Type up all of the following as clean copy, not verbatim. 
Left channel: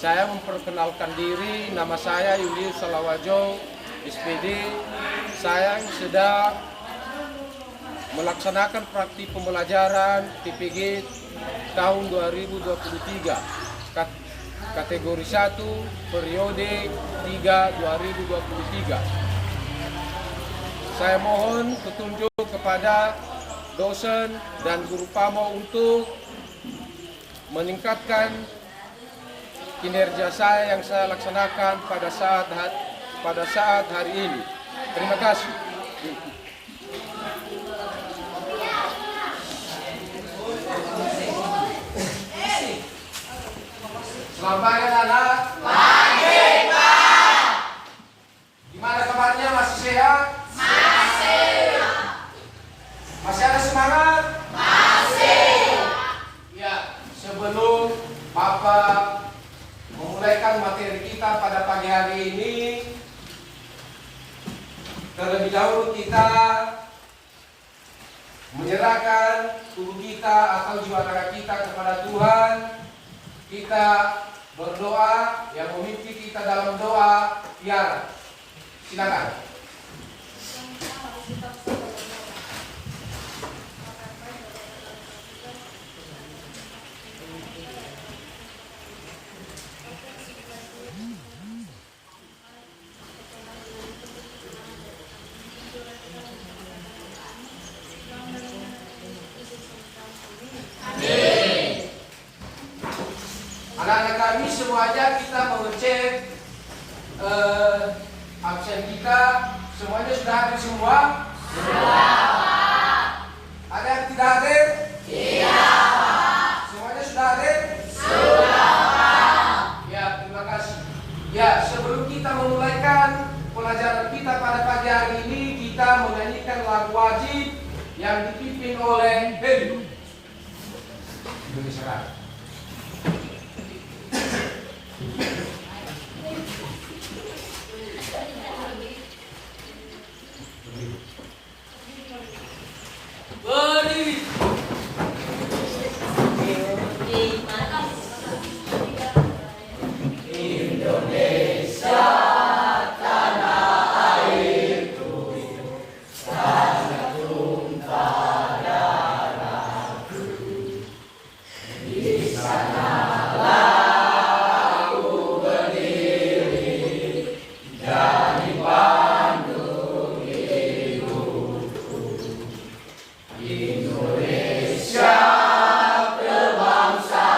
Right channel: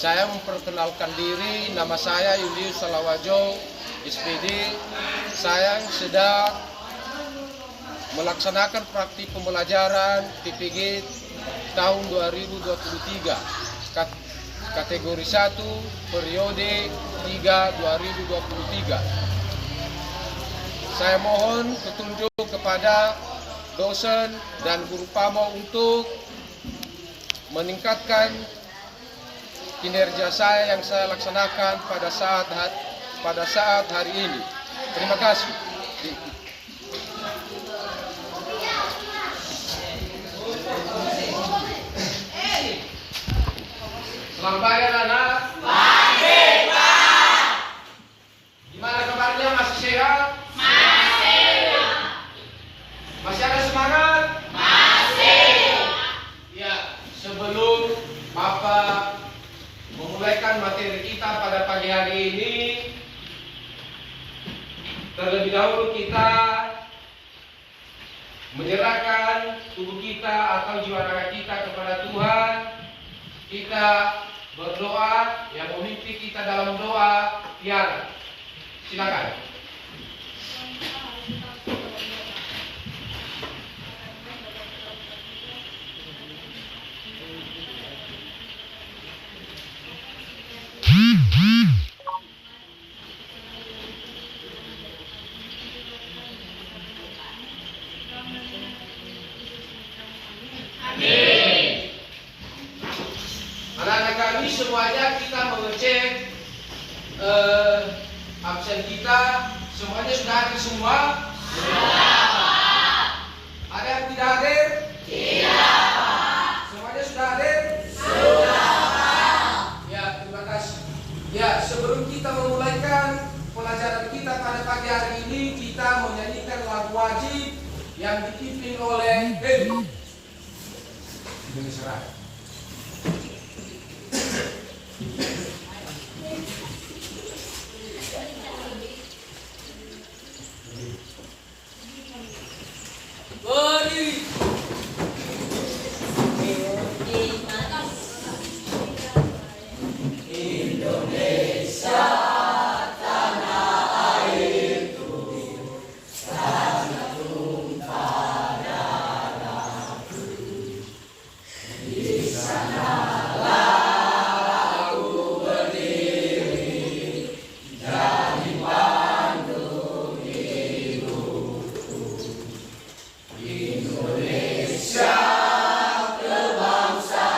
Saya memperkenalkan diri, nama saya Yulius Salawajo, SPD. Saya sedang melaksanakan praktik pembelajaran PPG tahun 2023, kategori 1, periode 3 2023. Saya mohon petunjuk kepada dosen dan guru PAMO untuk meningkatkan kinerja saya yang saya laksanakan pada saat hari ini. Terima kasih. Selamat pagi anak-anak. Baik, Pak. Gimana kabarnya, masih sehat? Masih. Masih ada semangat? Masih. Ya, sebelum Bapak memulaikan materi kita pada pagi hari ini, terlebih dahulu kita menyerahkan tubuh kita atau jiwa raga kita kepada Tuhan. Kita berdoa, yang memimpin kita dalam doa Tiara. Silakan. Anak-anak kami semuanya kita mengecek absen kita. Semuanya sudah hadir semua? Ada yang tidak hadir? Tidak. Semuanya sudah hadir? Sudah. Ya, terima kasih. Ya, sebelum kita memulaikan pelajaran kita pada pagi hari ini, kita menyanyikan lagu wajib yang dipimpin oleh Heli. Indonesia Raya. Berdiri. Indonesia tanah airku, tanah tumpah darahku. Di sanalah aku berdiri, jadi pandu hidupku. Indonesia kebangsaanku,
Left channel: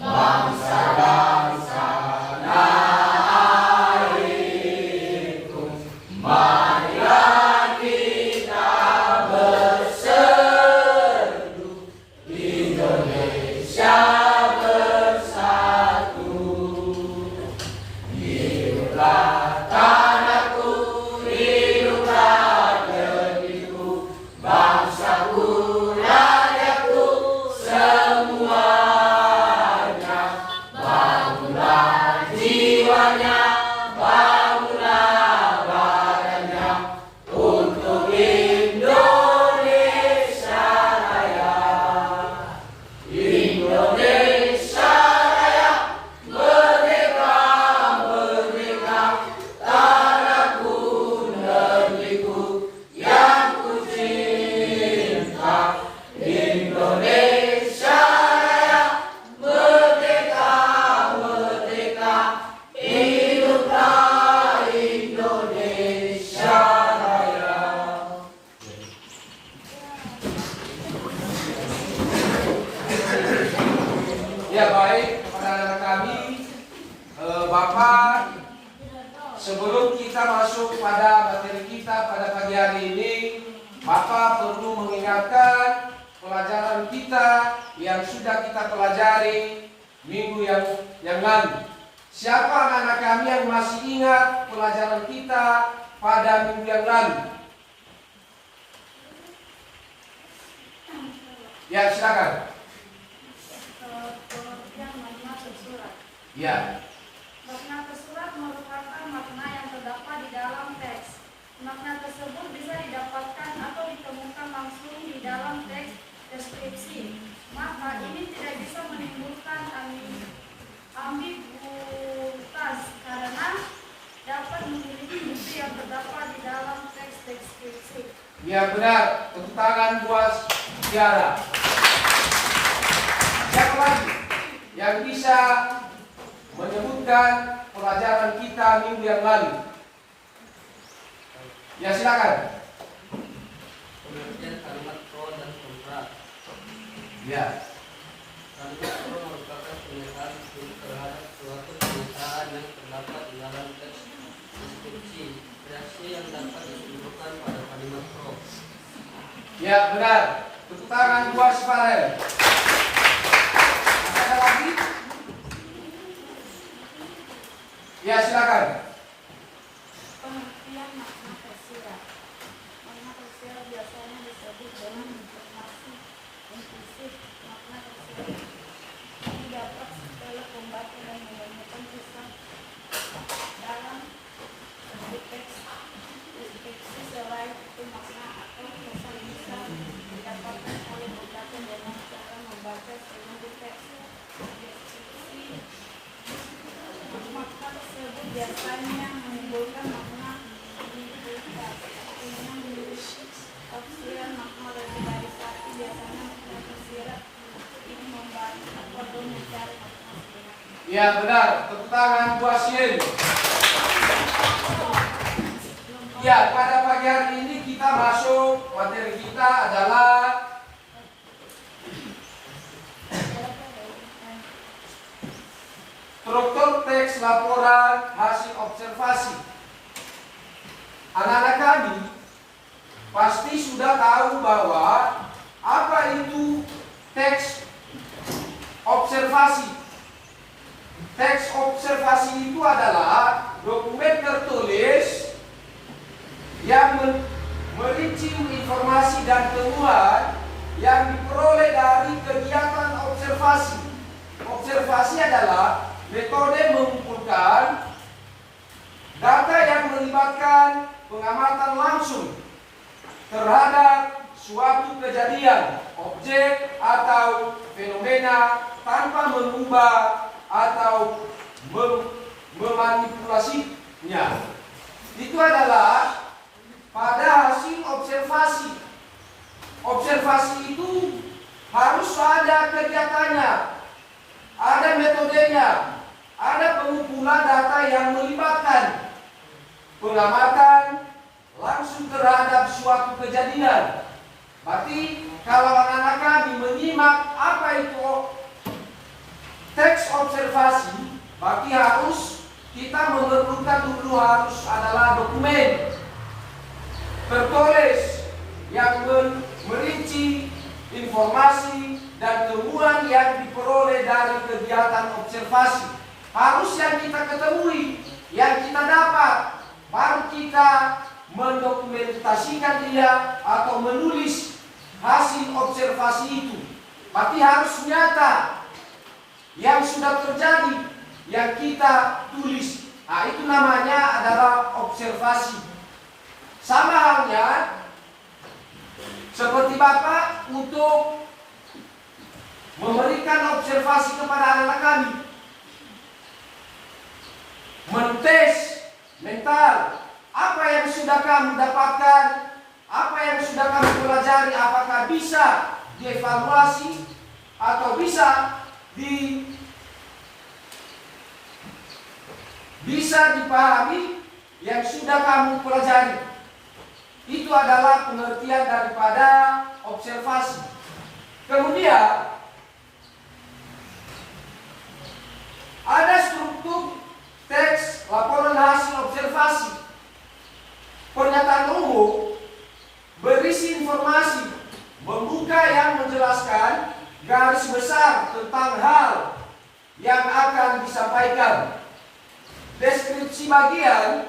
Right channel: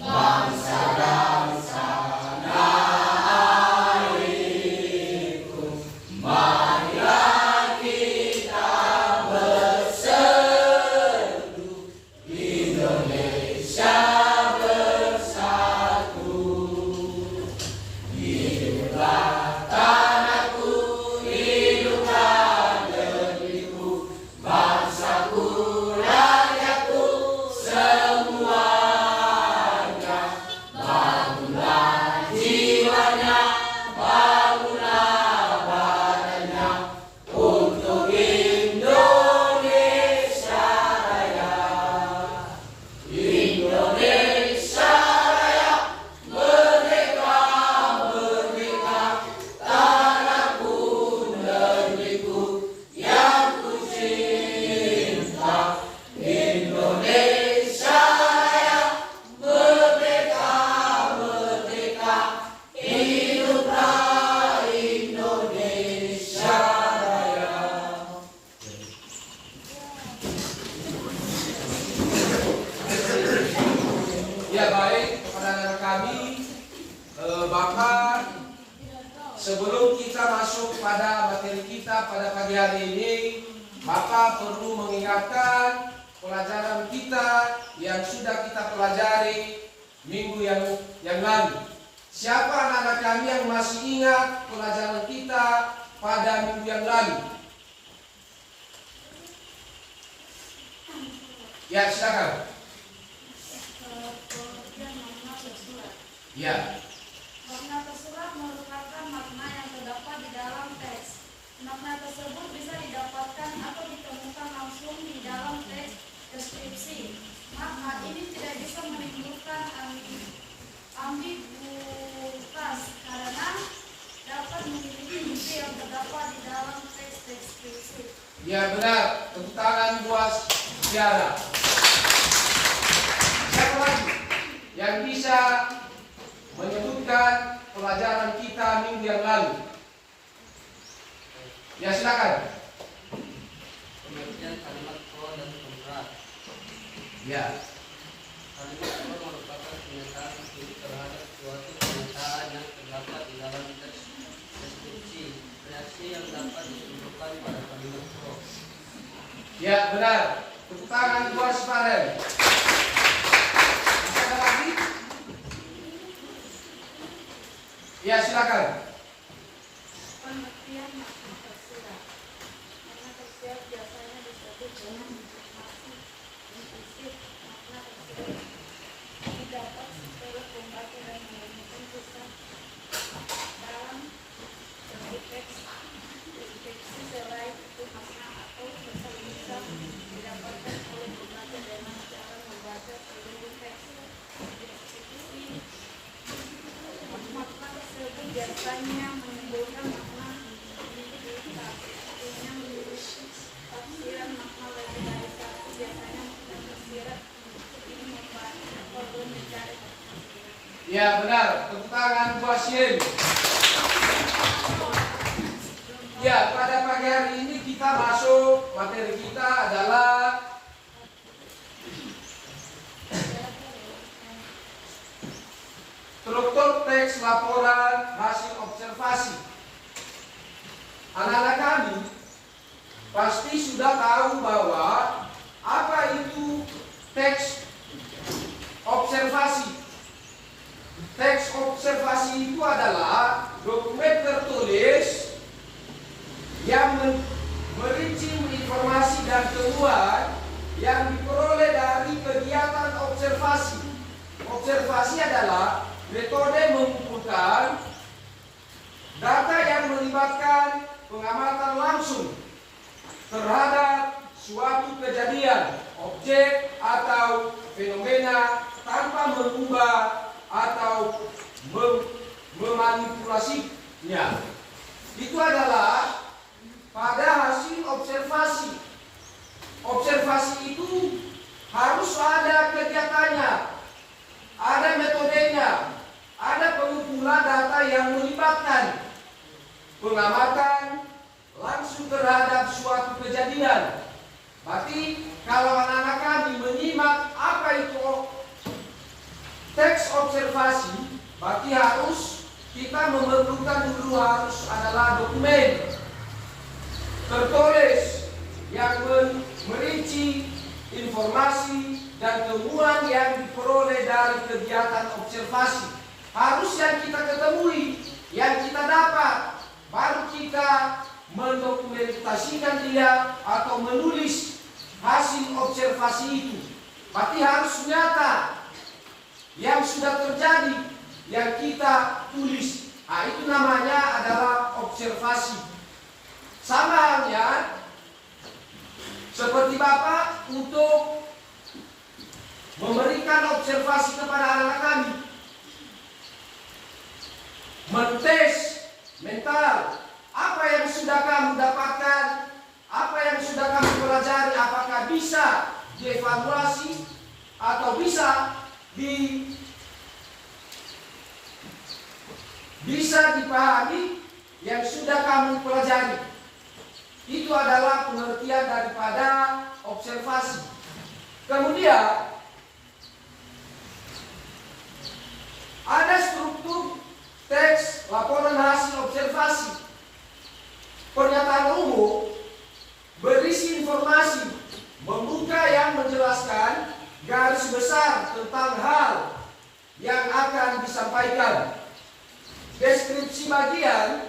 bangsa dan tanah airku. Marilah kita berseru, Indonesia bersatu. Hiduplah tanahku, hiduplah negeriku, bangsaku, rakyatku, semuanya. Bangunlah jiwanya, bangunlah badannya, untuk Indonesia Raya. Indonesia Raya, merdeka, merdeka, tanahku, negeriku yang ku cinta. Indonesia Raya, merdeka, merdeka, hiduplah Indonesia Raya. Ya, baik, kepada anak kami, Bapak, sebelum kita masuk pada materi kita pada pagi hari ini, Bapak perlu mengingatkan pelajaran kita yang sudah kita pelajari minggu yang lalu. Siapa anak-anak kami yang masih ingat pelajaran kita pada minggu yang lalu? Ya, silakan. Ya. Makna tersurat merupakan makna yang terdapat di dalam teks. Makna tersebut bisa didapatkan atau ditemukan langsung di dalam teks deskripsi. Makna Ya benar, tepuk tangan buat Tiara. Siapa lagi yang bisa menyebutkan pelajaran kita minggu yang lalu? Ya silakan. Pengertian kalimat pro dan kontra. Ya. Kalimat pro merupakan pernyataan setuju terhadap suatu pernyataan yang terdapat di dalam teks deskripsi reaksi yang dapat ditunjukkan pada kalimat pro. Ya benar. Tepuk tangan buat Farel. Masih ada lagi? Ya silakan. Pengertian makna tersirat. Makna tersirat biasanya disebut dengan informasi implisit. Makna tersirat ini dapat setelah pembaca dan menemukan kisah dalam satu teks deskripsi. Selain itu makna atau pesan bisa didapatkan oleh pembaca dengan cara membaca seluruh teks deskripsi. Makna tersebut biasanya menimbulkan makna tafsiran makna lebih dari satu. Biasanya makna tersirat ini membantu atau mencari makna sebenarnya. Ya benar. Tepuk tangan buat Shin. Ya, pada pagi hari ini kita masuk, materi kita adalah struktur teks laporan hasil observasi. Anak-anak kami pasti sudah tahu bahwa apa itu teks observasi. Teks observasi itu adalah dokumen tertulis yang merinci informasi dan temuan yang diperoleh dari kegiatan observasi. Observasi adalah metode mengumpulkan data yang melibatkan pengamatan langsung terhadap suatu kejadian, objek atau fenomena tanpa mengubah atau memanipulasinya. Itu adalah pada hasil observasi. Observasi itu harus ada kegiatannya, ada metodenya, ada pengumpulan data yang melibatkan pengamatan langsung terhadap suatu kejadian. Berarti kalau anak-anak kami menyimak apa itu teks observasi, berarti harus kita memerlukan dulu harus adalah dokumen tertulis yang merinci informasi dan temuan yang diperoleh dari kegiatan observasi. Harus yang kita ketemui, yang kita dapat, baru kita mendokumentasikan dia atau menulis hasil observasi itu. Berarti harus nyata yang sudah terjadi, yang kita tulis. Nah, itu namanya adalah observasi. Sama halnya seperti Bapak untuk memberikan observasi kepada anak-anak kami, mentes mental apa yang sudah kamu dapatkan, apa yang sudah kamu pelajari, apakah bisa dievaluasi atau bisa dipahami yang sudah kamu pelajari. Itu adalah pengertian daripada observasi. Kemudian ada struktur teks laporan hasil observasi. Pernyataan umum berisi informasi membuka yang menjelaskan garis besar tentang hal yang akan disampaikan. Deskripsi bagian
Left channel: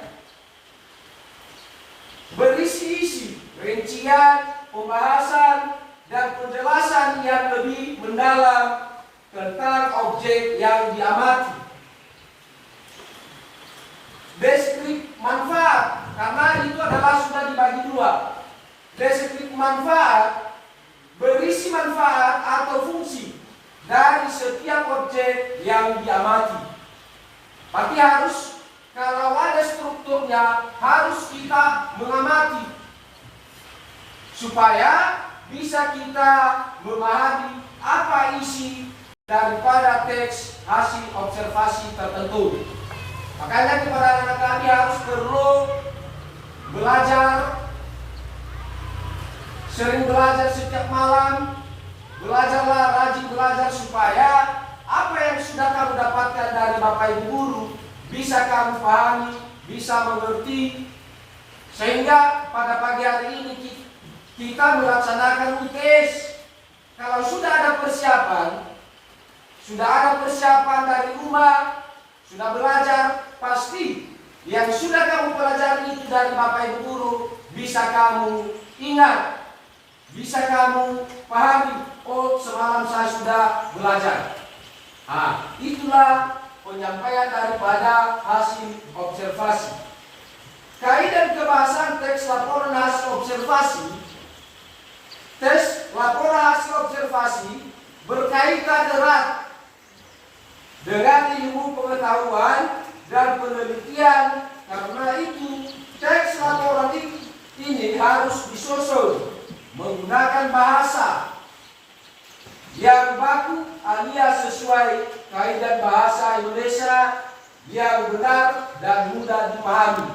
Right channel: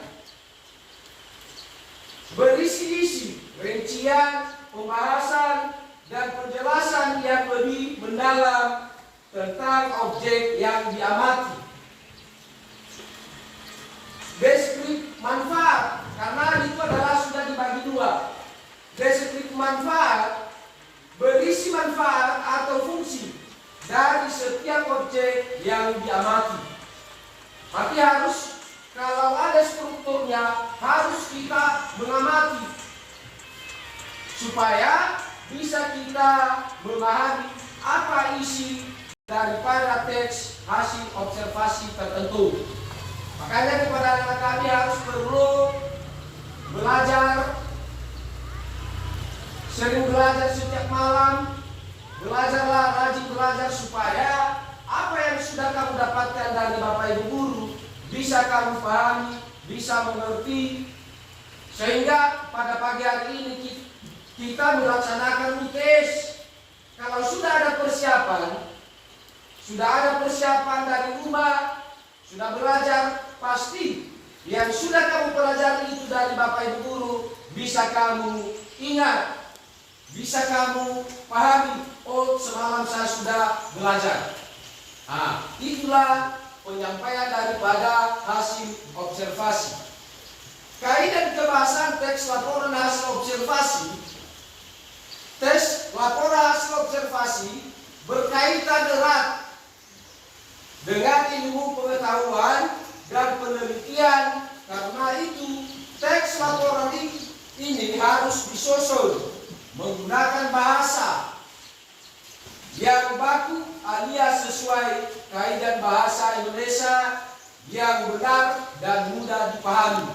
berisi rincian, pembahasan, dan penjelasan yang lebih mendalam tentang objek yang diamati. Deskripsi manfaat, karena itu adalah sudah dibagi dua. Deskripsi manfaat berisi manfaat atau fungsi dari setiap objek yang diamati. Tapi harus, kalau ada strukturnya, harus kita mengamati. supaya bisa kita memahami apa isi daripada teks hasil observasi tertentu. Makanya kepada anak kami harus perlu belajar, sering belajar setiap malam, belajarlah, rajin belajar supaya apa yang sudah kamu dapatkan dari Bapak Ibu guru bisa kamu pahami, bisa mengerti, sehingga pada pagi hari ini kita melaksanakan UTS. Kalau sudah ada persiapan dari rumah, sudah belajar, pasti yang sudah kamu pelajari itu dari Bapak Ibu guru bisa kamu ingat, bisa kamu pahami. Oh, semalam saya sudah belajar. Itulah penyampaian daripada hasil observasi. Kaidah kebahasan teks laporan hasil observasi. Teks laporan hasil observasi berkaitan erat dengan ilmu pengetahuan dan penelitian. Karena itu teks laporan ini harus disusun menggunakan bahasa yang baku alias sesuai kaidah bahasa Indonesia yang benar dan mudah dipahami.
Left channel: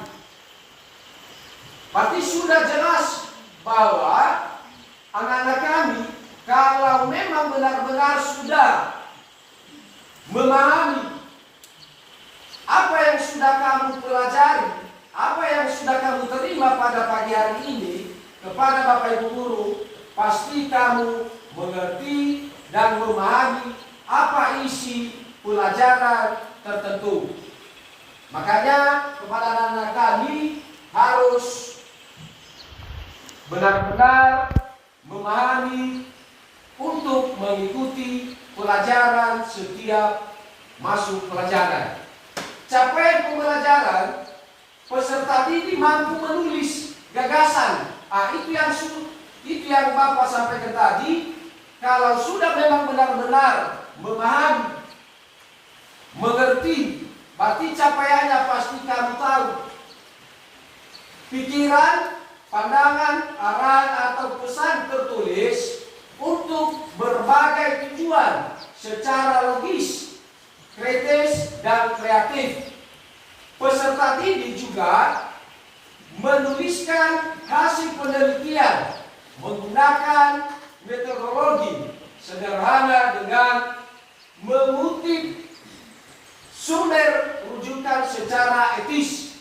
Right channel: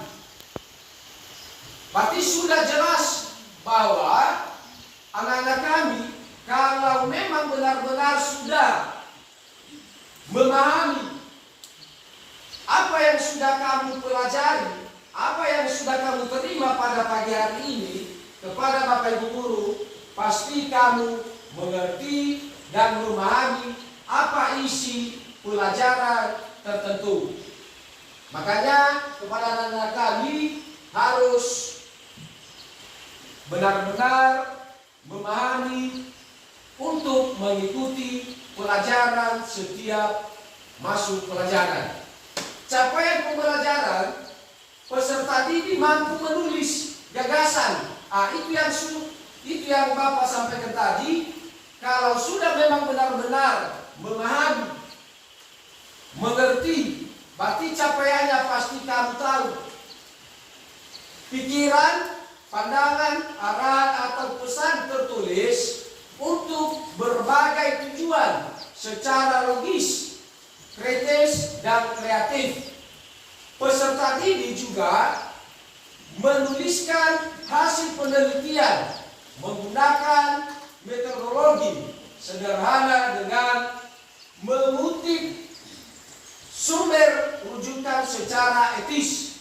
Berarti sudah jelas bahwa anak-anak kami kalau memang benar-benar sudah memahami apa yang sudah kamu pelajari, apa yang sudah kamu terima pada pagi hari ini kepada Bapak Ibu guru, pasti kamu mengerti dan memahami apa isi pelajaran tertentu. Makanya kepada anak-anak kami harus benar-benar memahami untuk mengikuti pelajaran setiap masuk pelajaran. Capaian pembelajaran, peserta didik mampu menulis gagasan. Itu yang Bapak sampaikan tadi. Kalau sudah memang benar-benar memahami, mengerti, berarti capaiannya pasti kamu tahu. Pikiran, pandangan, arahan atau pesan tertulis untuk berbagai tujuan secara logis, kritis, dan kreatif. Peserta didik juga menuliskan hasil penelitian menggunakan metodologi sederhana dengan mengutip sumber rujukan secara etis.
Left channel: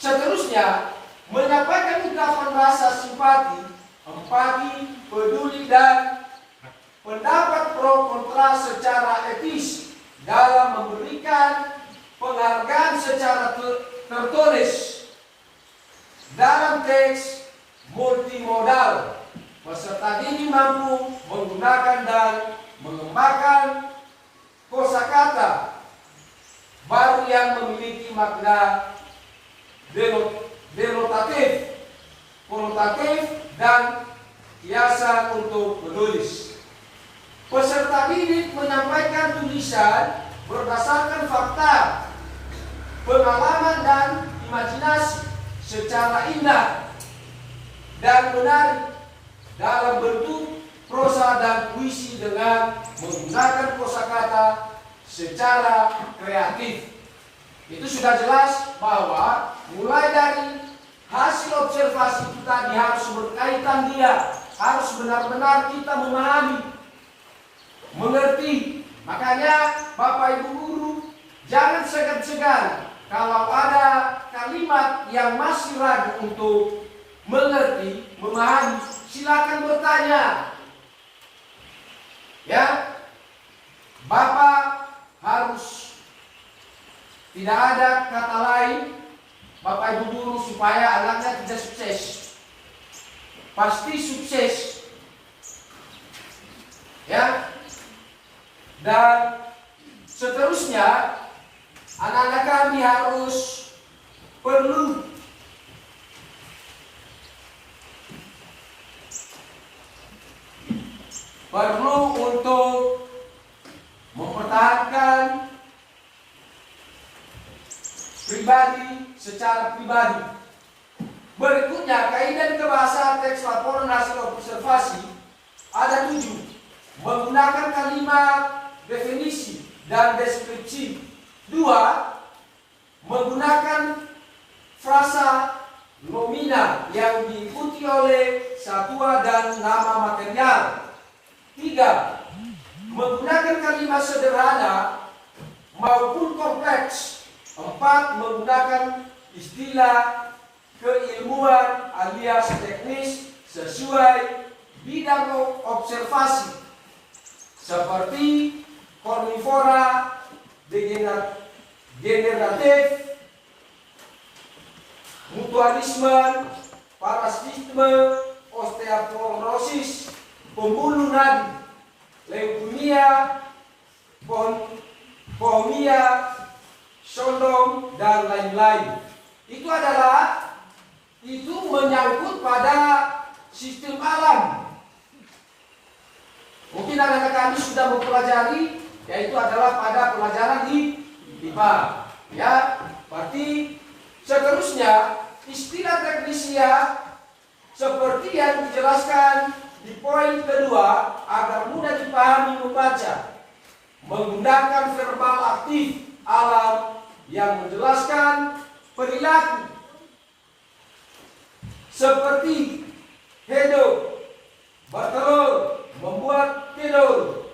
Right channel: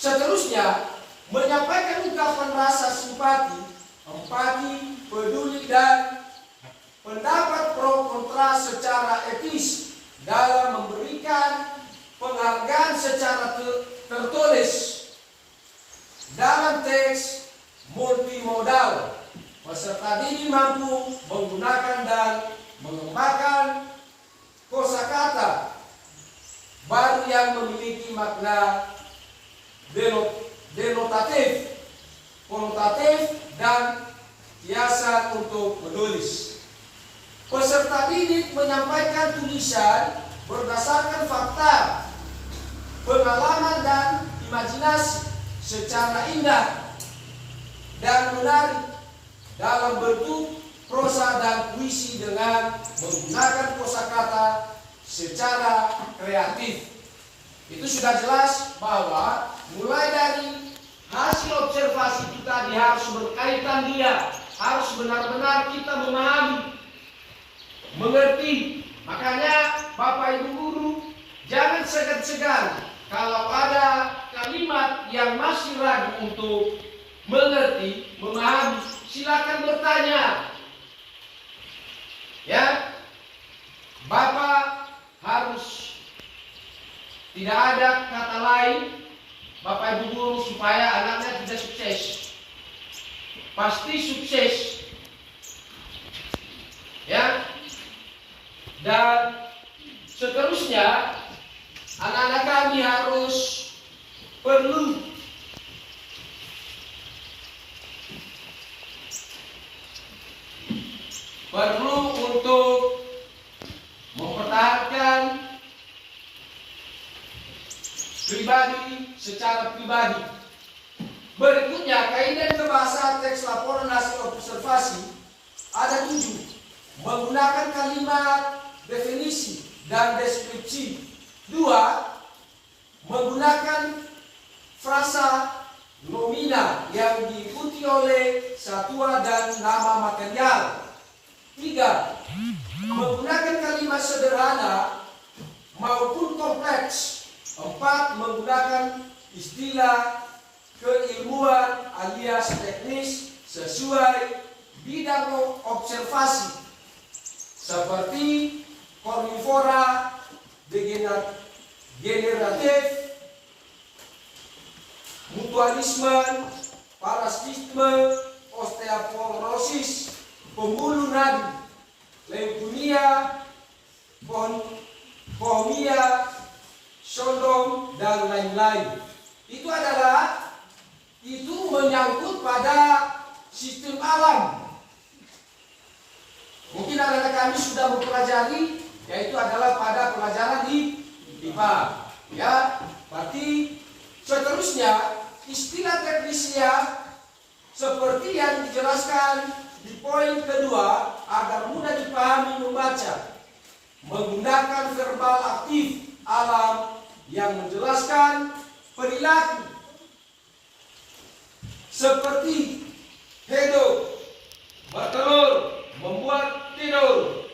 Seterusnya, menyampaikan ungkapan rasa simpati, empati, peduli, dan pendapat pro kontra secara etis dalam memberikan penghargaan secara tertulis dalam teks multimodal. Peserta didik mampu menggunakan dan mengembangkan kosakata baru yang memiliki makna denotatif, konotatif, dan kiasan untuk menulis. Peserta didik menyampaikan tulisan berdasarkan fakta, pengalaman, dan imajinasi secara indah dan menarik dalam bentuk prosa dan puisi dengan menggunakan kosakata secara kreatif. Itu sudah jelas bahwa mulai dari hasil observasi kita harus berkaitan dia, harus benar-benar kita memahami, mengerti. Makanya Bapak Ibu guru jangan segan-segan kalau ada kalimat yang masih ragu untuk mengerti, memahami, silakan bertanya. Ya, Bapak harus tidak ada kata lain Bapak Ibu guru supaya anaknya tidak sukses. Pasti sukses. Ya. Dan seterusnya anak-anak kami harus perlu untuk mempertahankan pribadi secara pribadi. Berikutnya, kaidah kebahasaan teks laporan hasil observasi ada 7. Menggunakan kalimat definisi dan deskripsi. 2. Menggunakan frasa nomina yang diikuti oleh satuan dan nama material. 3. Menggunakan kalimat sederhana maupun kompleks. 4. Menggunakan istilah keilmuan alias teknis sesuai bidang observasi seperti kornivora, degeneratif, mutualisme, parasitisme, osteoporosis, pembuluh nadi, leukemia, pohomia, syndrom, dan lain-lain. Itu menyangkut pada sistem alam. Mungkin anak-anak kami sudah mempelajari, yaitu adalah pada pelajaran di IPA. Ya, berarti seterusnya istilah teknisia seperti yang dijelaskan di poin kedua agar mudah dipahami membaca. Menggunakan verbal aktif alam yang menjelaskan perilaku seperti hidup, bertelur, membuat tidur,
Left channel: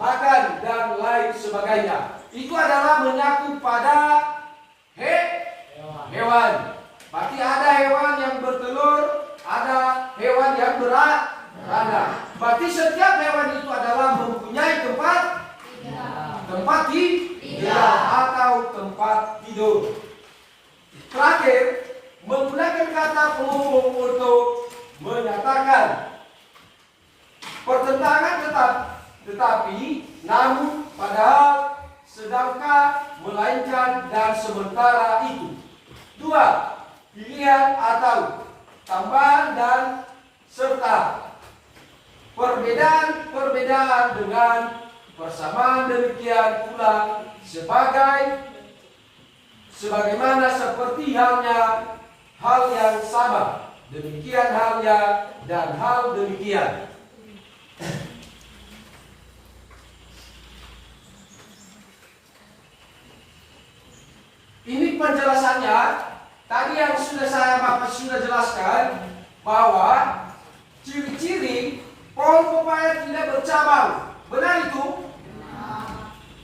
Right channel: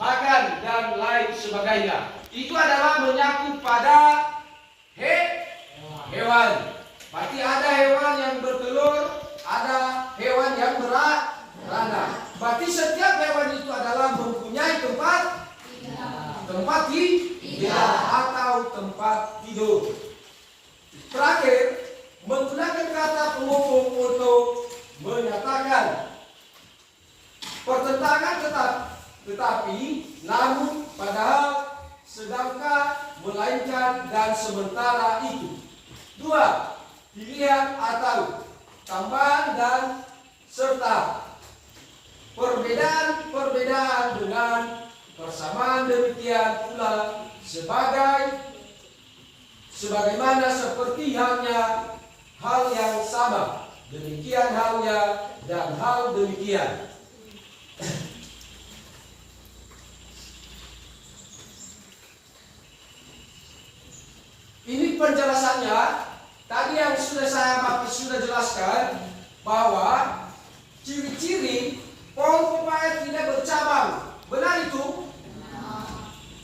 makan, dan lain sebagainya. Itu adalah menyangkut pada hewan. Berarti ada hewan yang bertelur, ada hewan yang beranak. Berarti setiap hewan itu adalah mempunyai tempat tinggal atau tempat tidur. Terakhir, menggunakan kata penghubung untuk menyatakan pertentangan tetapi namun padahal sedangkan melainkan dan sementara itu. 2. Pilihan atau tambahan dan serta perbedaan dengan persamaan, demikian pula sebagaimana seperti halnya hal yang sama, demikian halnya dan hal demikian. Ini penjelasannya. Tadi yang Bapak sudah jelaskan bahwa ciri-ciri pohon pepaya tidak bercabang. Benar itu?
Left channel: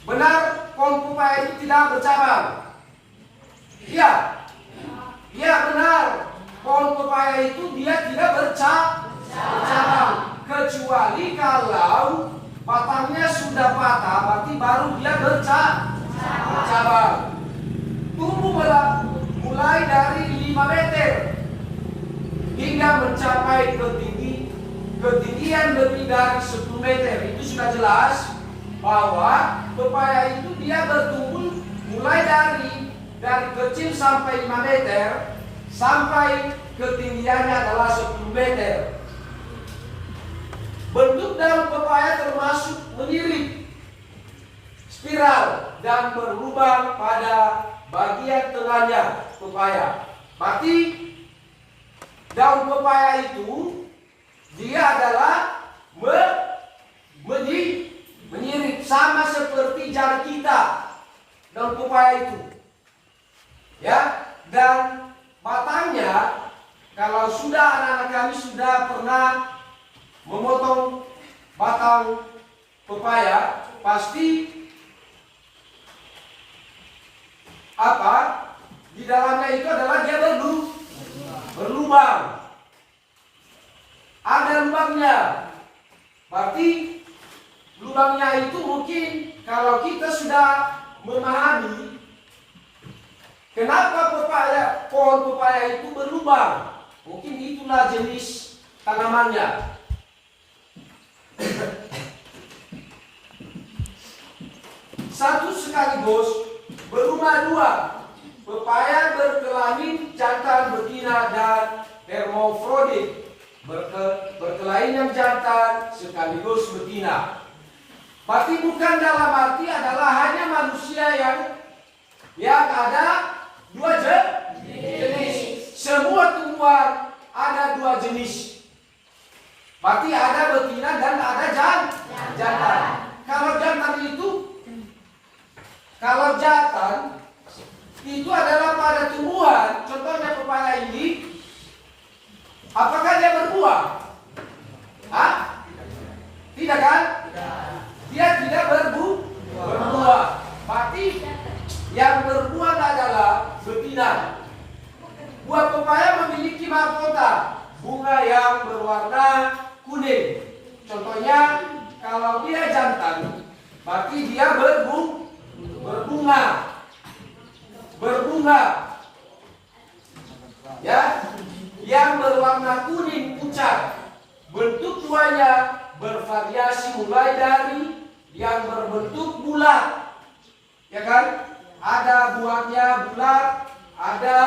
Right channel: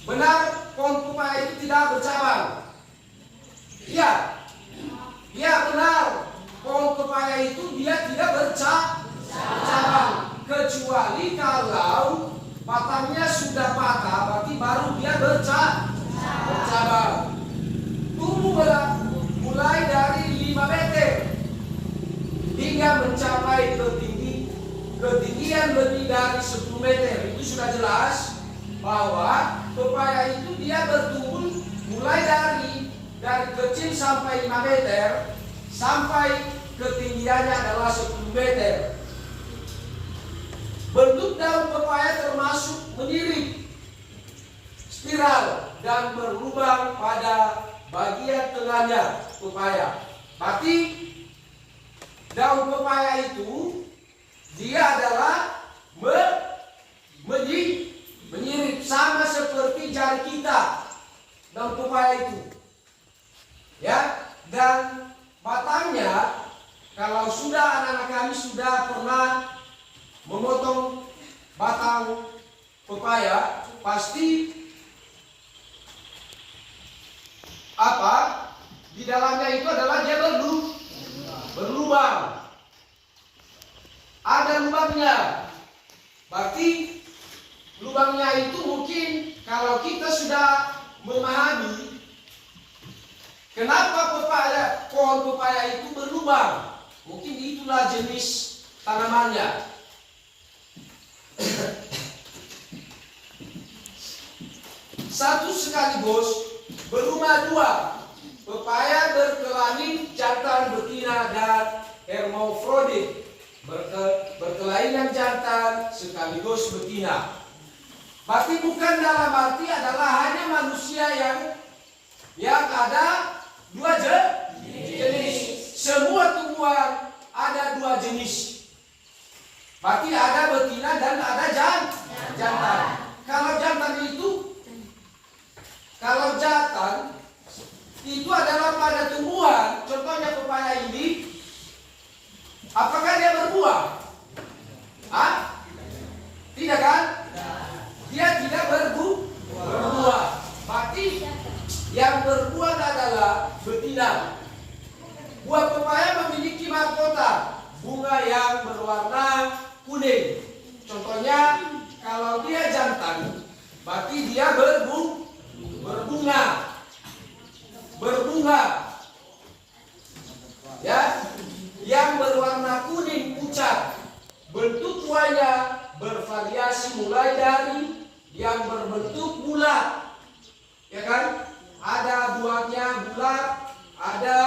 Benar, pohon pepaya itu tidak bercabang. Iya. Iya benar. Pohon pepaya itu dia tidak bercabang. Kecuali kalau batangnya sudah patah, berarti baru dia bercabang. Tumbuh mulai dari 5 meter hingga mencapai ketinggian lebih dari 10 meter. Itu sudah jelas bahwa pepaya itu dia bertumbuh mulai dari kecil sampai 5 meter sampai ketinggiannya adalah 10 meter. Bentuk daun pepaya termasuk menyirik, spiral, dan berlubang pada bagian tengahnya pepaya. Berarti daun pepaya itu dia adalah menyirik sama seperti jari kita. Daun pepaya itu, ya, dan batangnya kalau sudah anak-anak kami sudah pernah memotong batang pepaya, pasti di dalamnya itu adalah dia berlubang. Ada lubangnya. Berarti lubangnya itu mungkin kalau kita sudah memahami kenapa pohon pepaya itu berlubang, mungkin itulah jenis tanamannya. Satu sekaligus berumah 2, pepaya berkelamin jantan betina dan hermafrodit, berkelamin yang jantan sekaligus betina. Berarti bukan dalam arti adalah hanya manusia yang ada 2 jenis. Semua tumbuhan perempuan ada 2 jenis. Berarti ada betina dan ada jantan. Kalau jantan itu adalah pada tumbuhan, contohnya pepaya ini, apakah dia berbuah? Hah? Tidak kan? Dia tidak berbuah. Berarti yang berbuah adalah betina. Buah pepaya memiliki mahkota, bunga yang berwarna kuning. Contohnya, kalau dia jantan, berarti dia berbunga. Ya, yang berwarna kuning pucat. Bentuk buahnya bervariasi mulai dari yang berbentuk bulat, ya kan? Ada buahnya bulat, ada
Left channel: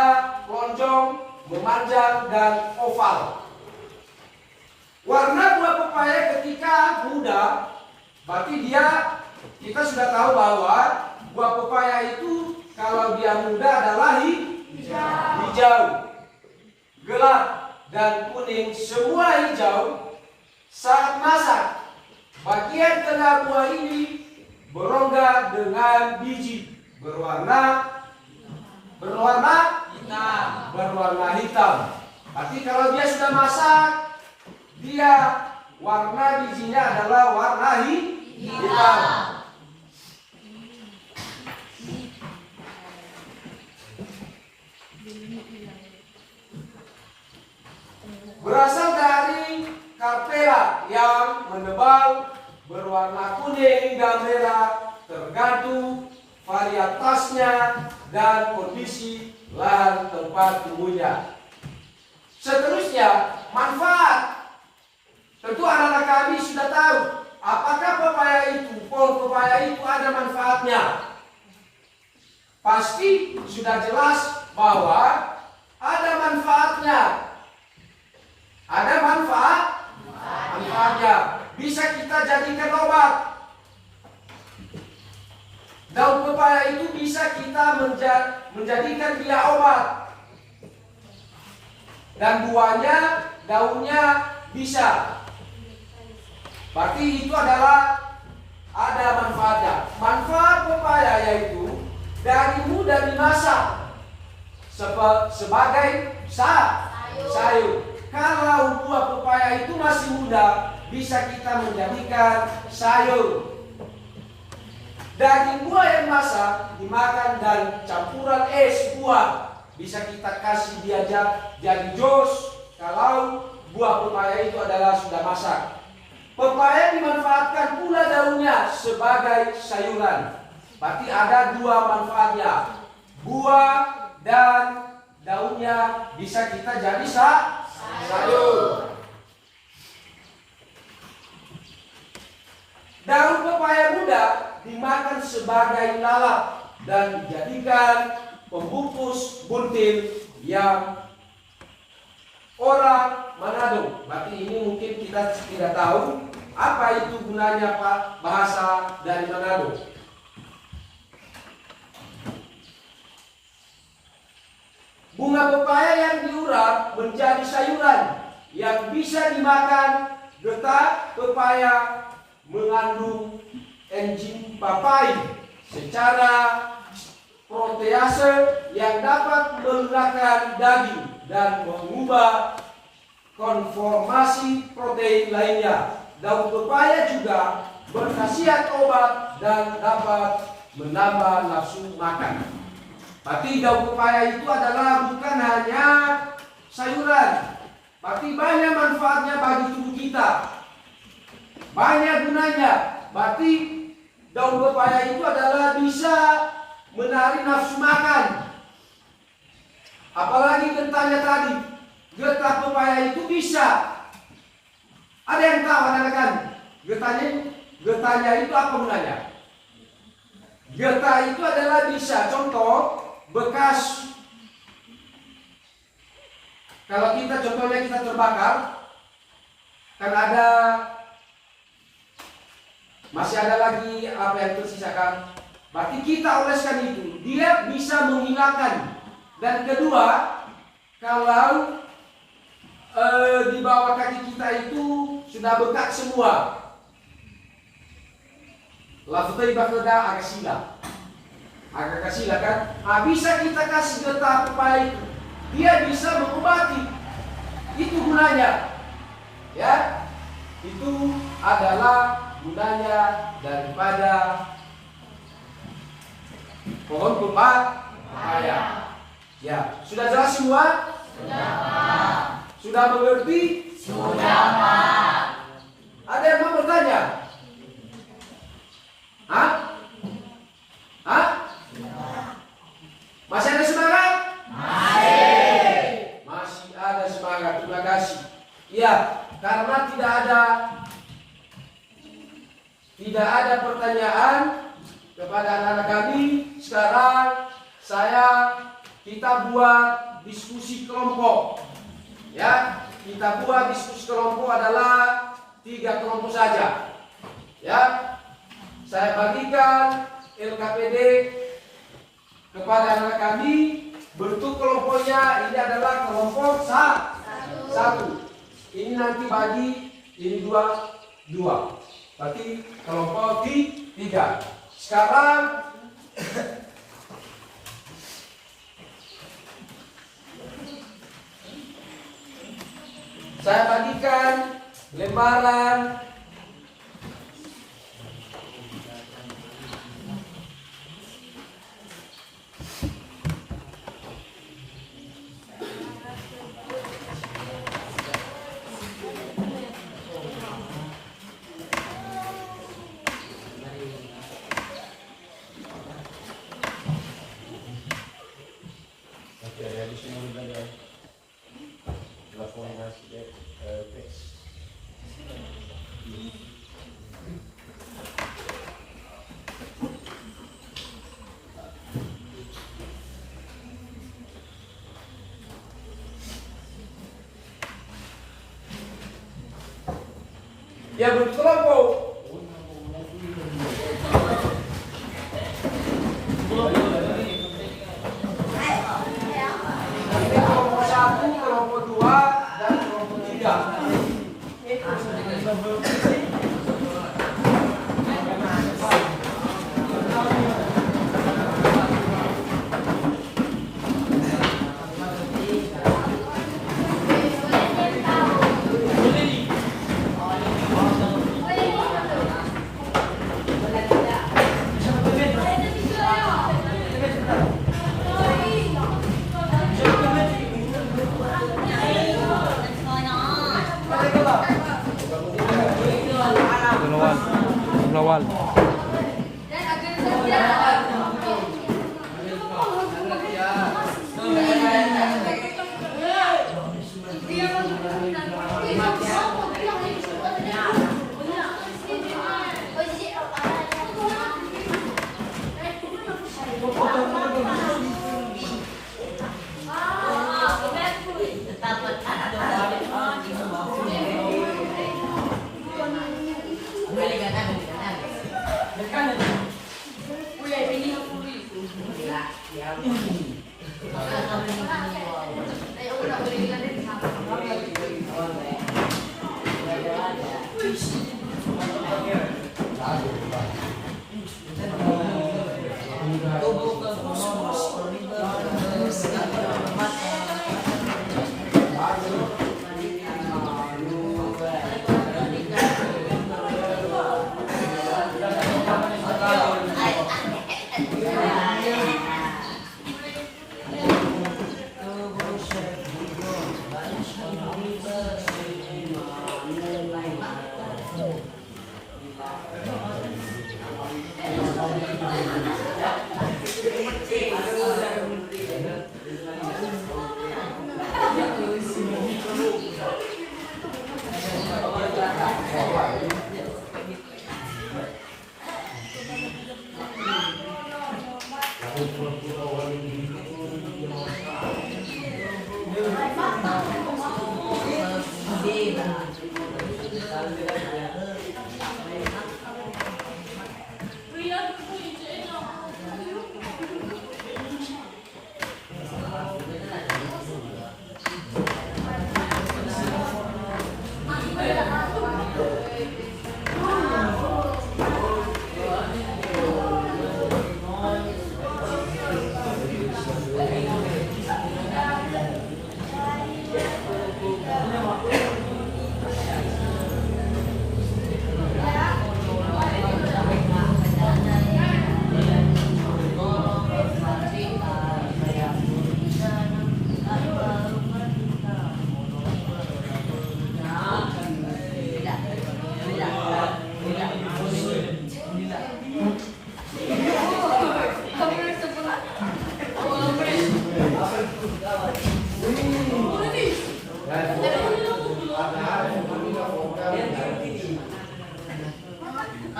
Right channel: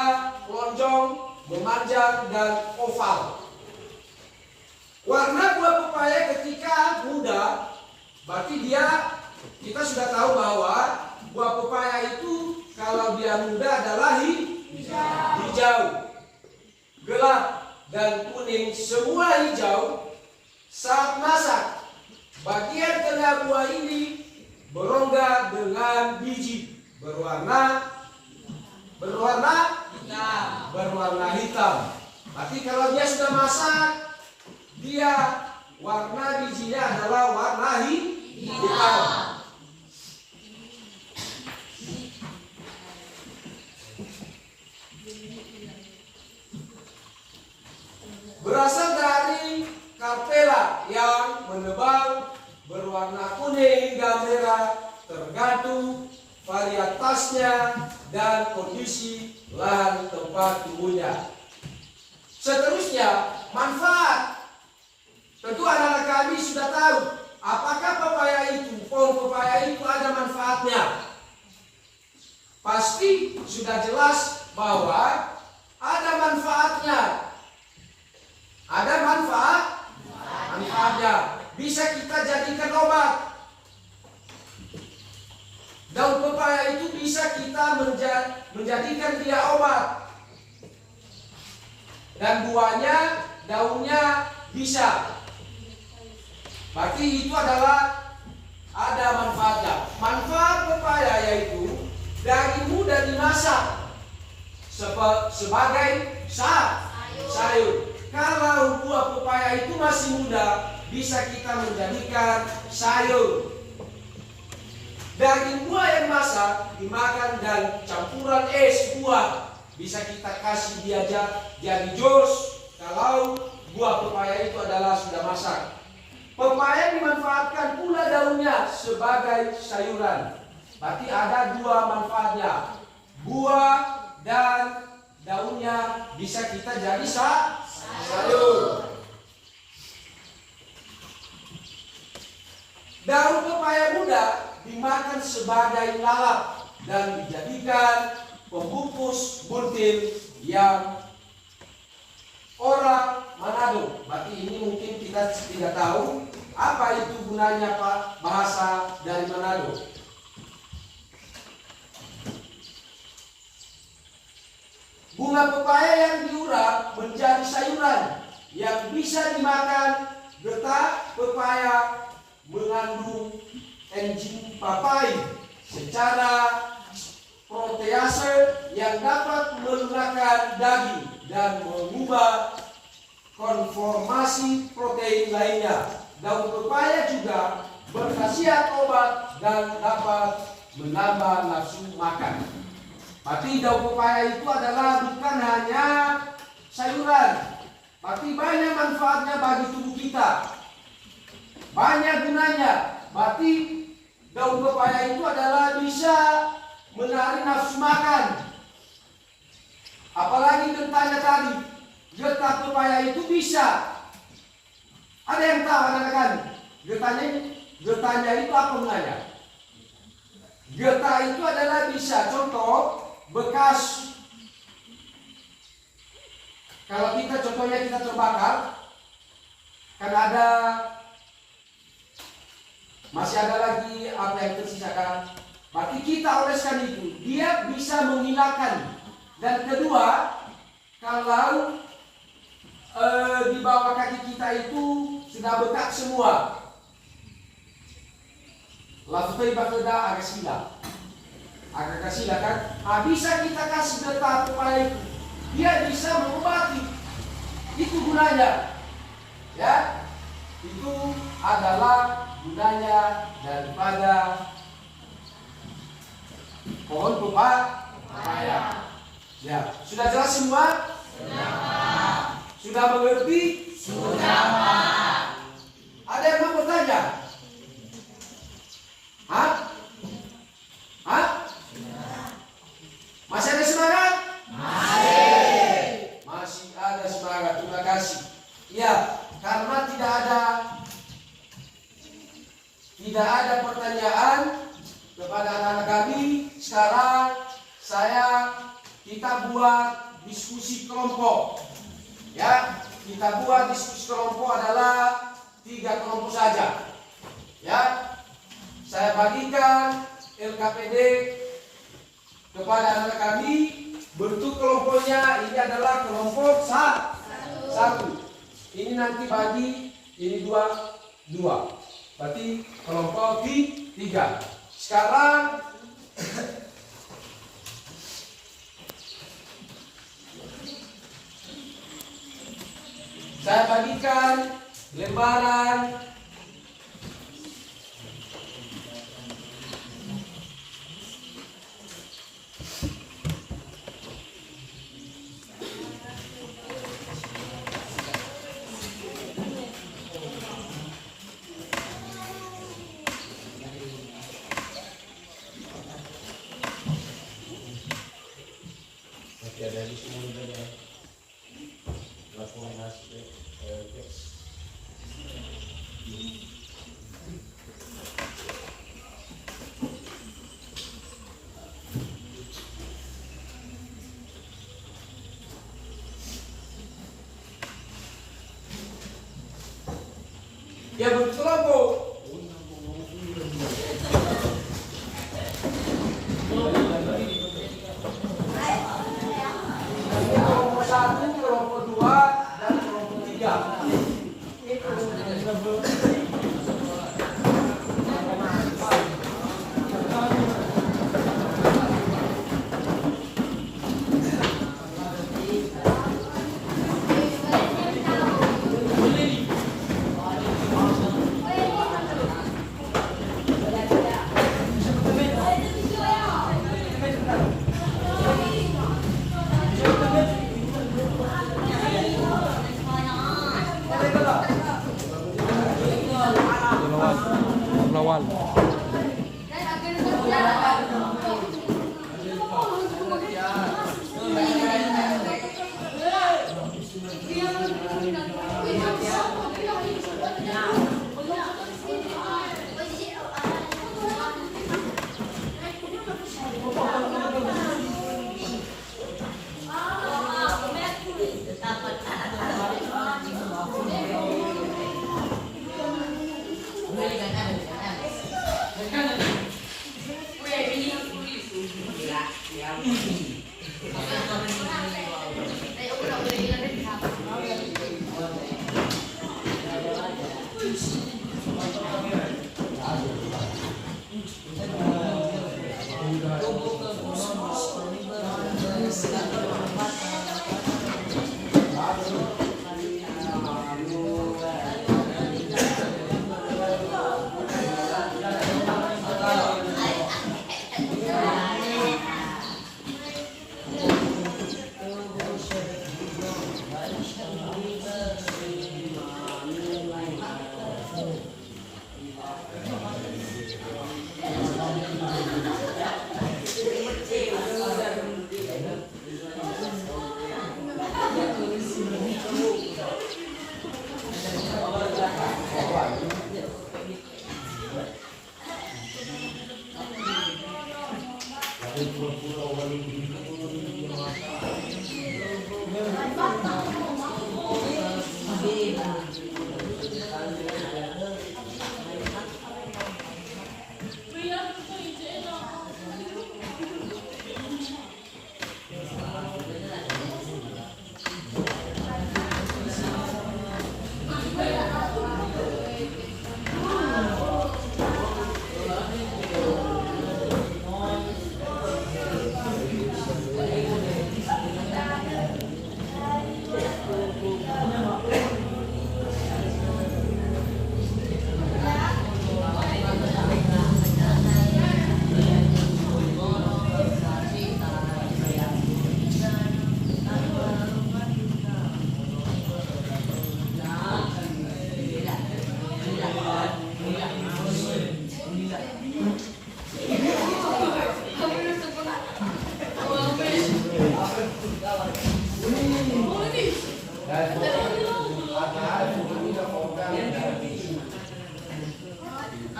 lonjong, memanjang dan oval. Warna buah pepaya ketika muda, berarti kita sudah tahu bahwa buah pepaya itu kalau dia muda adalah hijau, gelap dan kuning, semua hijau. Saat masak, bagian tengah buah ini berongga dengan biji berwarna hitam. Berarti kalau dia sudah masak, dia warna bijinya adalah warna hitam. Berasal dari karpela yang menebal berwarna kuning hingga merah, tergantung varietasnya dan kondisi lahan tempat tumbuhnya. Seterusnya, manfaat. Tentu anak-anak kami sudah tahu apakah pohon pepaya itu ada manfaatnya. Pasti sudah jelas bahwa ada manfaatnya. Ada manfaatnya. Bisa kita jadikan obat. Daun pepaya itu bisa kita menjadikan dia obat. Dan buahnya, daunnya bisa. Berarti itu adalah ada manfaatnya. Manfaat pepaya yaitu dari mudah dimasak sebagai sayur. Kalau buah pepaya itu masih muda, bisa kita menjadikan sayur. Daging buah yang masak dimakan dan campuran es buah bisa kita kasih dia jadi jus kalau buah pepaya itu adalah sudah masak. Pepaya dimanfaatkan pula daunnya sebagai sayuran. Berarti ada 2 manfaatnya. Buah dan daunnya bisa kita jadi sayur. Daun pepaya muda dimakan sebagai lalap dan dijadikan pembungkus buntil yang orang Manado. Berarti ini mungkin kita tidak tahu apa itu gunanya Pak bahasa dari Manado. Bunga pepaya yang diurap menjadi sayuran yang bisa dimakan. Getah pepaya mengandung enzim papain secara protease yang dapat melunakkan daging dan mengubah konformasi protein lainnya. Daun pepaya juga berkhasiat obat dan dapat menambah nafsu makan. Tapi daun pepaya itu adalah bukan hanya sayuran, tapi banyak manfaatnya bagi tubuh kita. Banyak gunanya. Berarti daun pepaya itu adalah bisa menarik nafsu makan. Apalagi getahnya tadi. Getah pepaya itu bisa. Ada yang tahu anak-anak? Getahnya itu apa gunanya? Getah itu adalah bisa, contoh bekas. Kalau kita contohnya kita terbakar, kan masih ada lagi apa yang tersisakan. Berarti kita oleskan itu, dia bisa menghilangkan. Dan kedua, kalau di bawah kaki kita itu sudah bengkak semua. Laftai bakelda agak sila kan? Bisa kita kasih getah supaya dia bisa mengobati. Itu gunanya, ya. Itu adalah gunanya daripada pohon pepaya. Ya, sudah jelas semua? Sudah mengerti? Ada yang mau bertanya? Hah? Masih ada semangat? Masih ada semangat. Terima kasih. Ya, karena tidak ada pertanyaan kepada anak-anak kami. Sekarang kita buat diskusi kelompok. Ya, kita buat diskusi kelompok adalah 3 kelompok saja. Ya, saya bagikan LKPD kepada anak kami. Bentuk kelompoknya ini adalah kelompok 1. Ini nanti bagi ini 2. Berarti kelompok 3. Sekarang saya bagikan lembaran ya bentuk kelompok. Kelompok 1, kelompok 2, dan kelompok 3.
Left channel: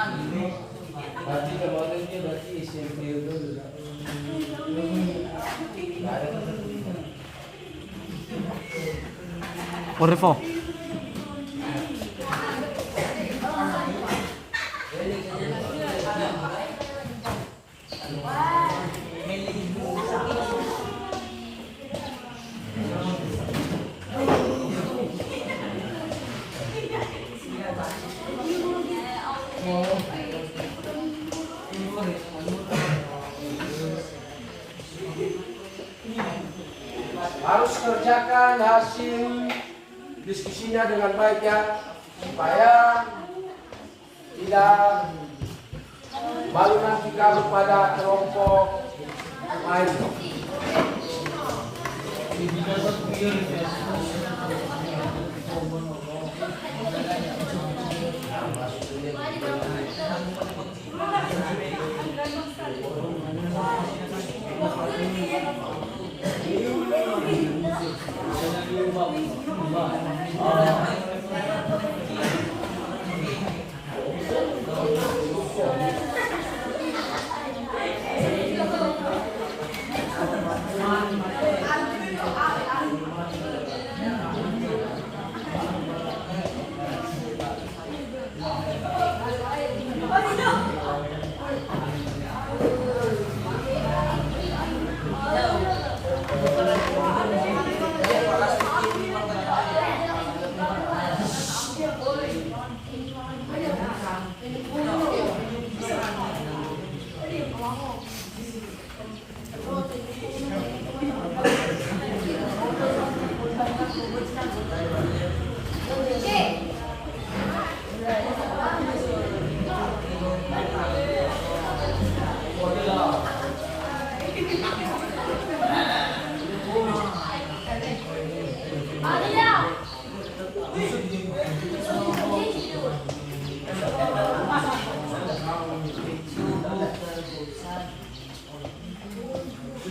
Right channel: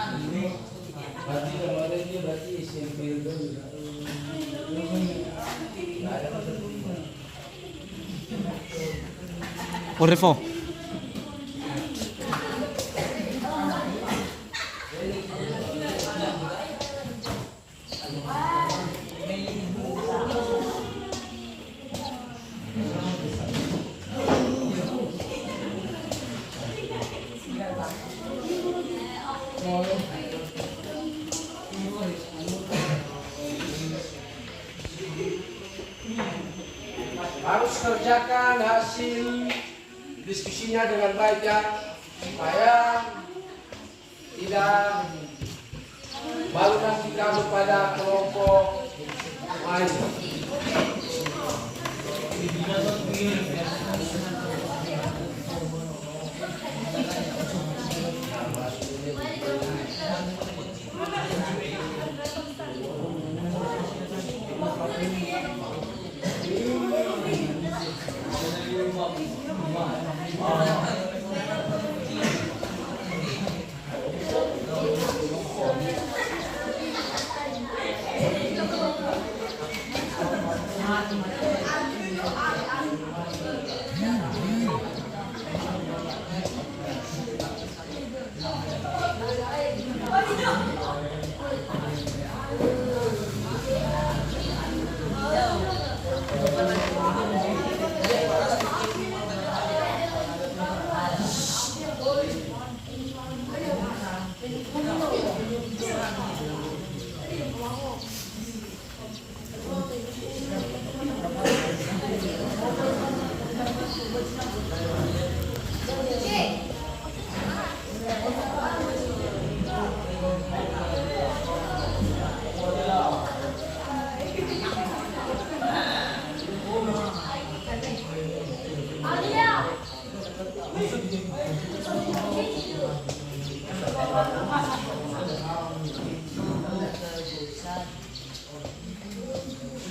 Berarti kemarin dia berarti SMP itu. Nggak ada ketentuan. Order 4. Harus kerjakan hasil diskusinya dengan baik ya, supaya tidak baru nanti kamu pada kelompok lain.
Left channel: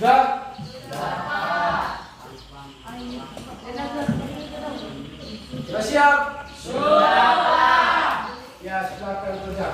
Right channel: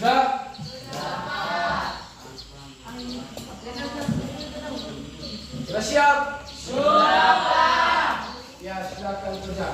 Sudah? Sudah siap? Sudah. Ya, silakan kerja.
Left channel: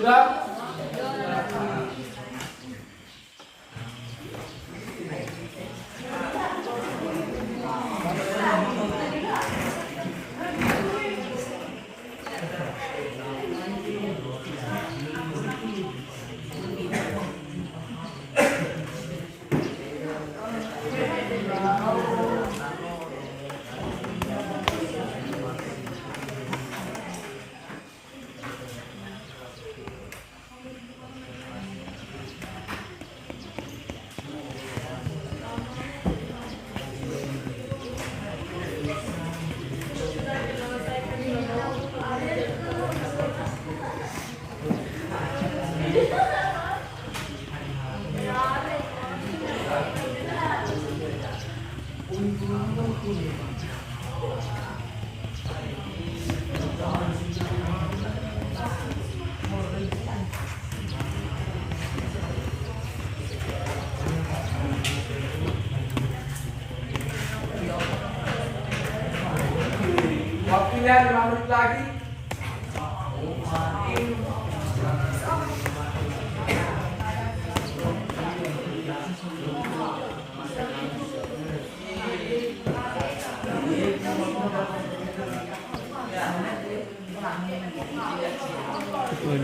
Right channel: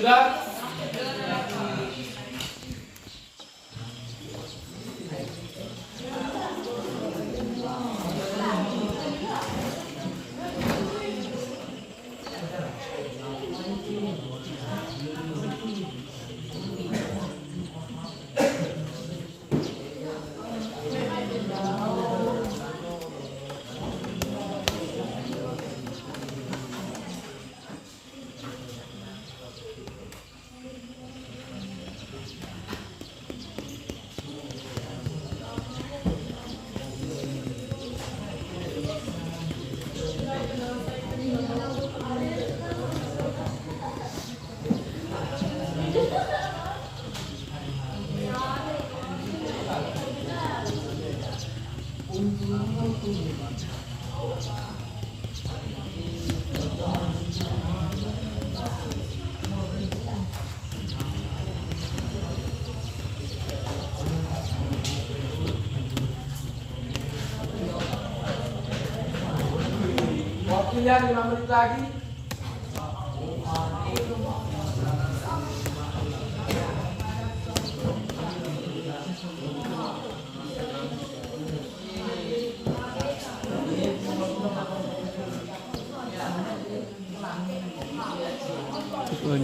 Sudah? pilihan 5 menit lagi. Turun.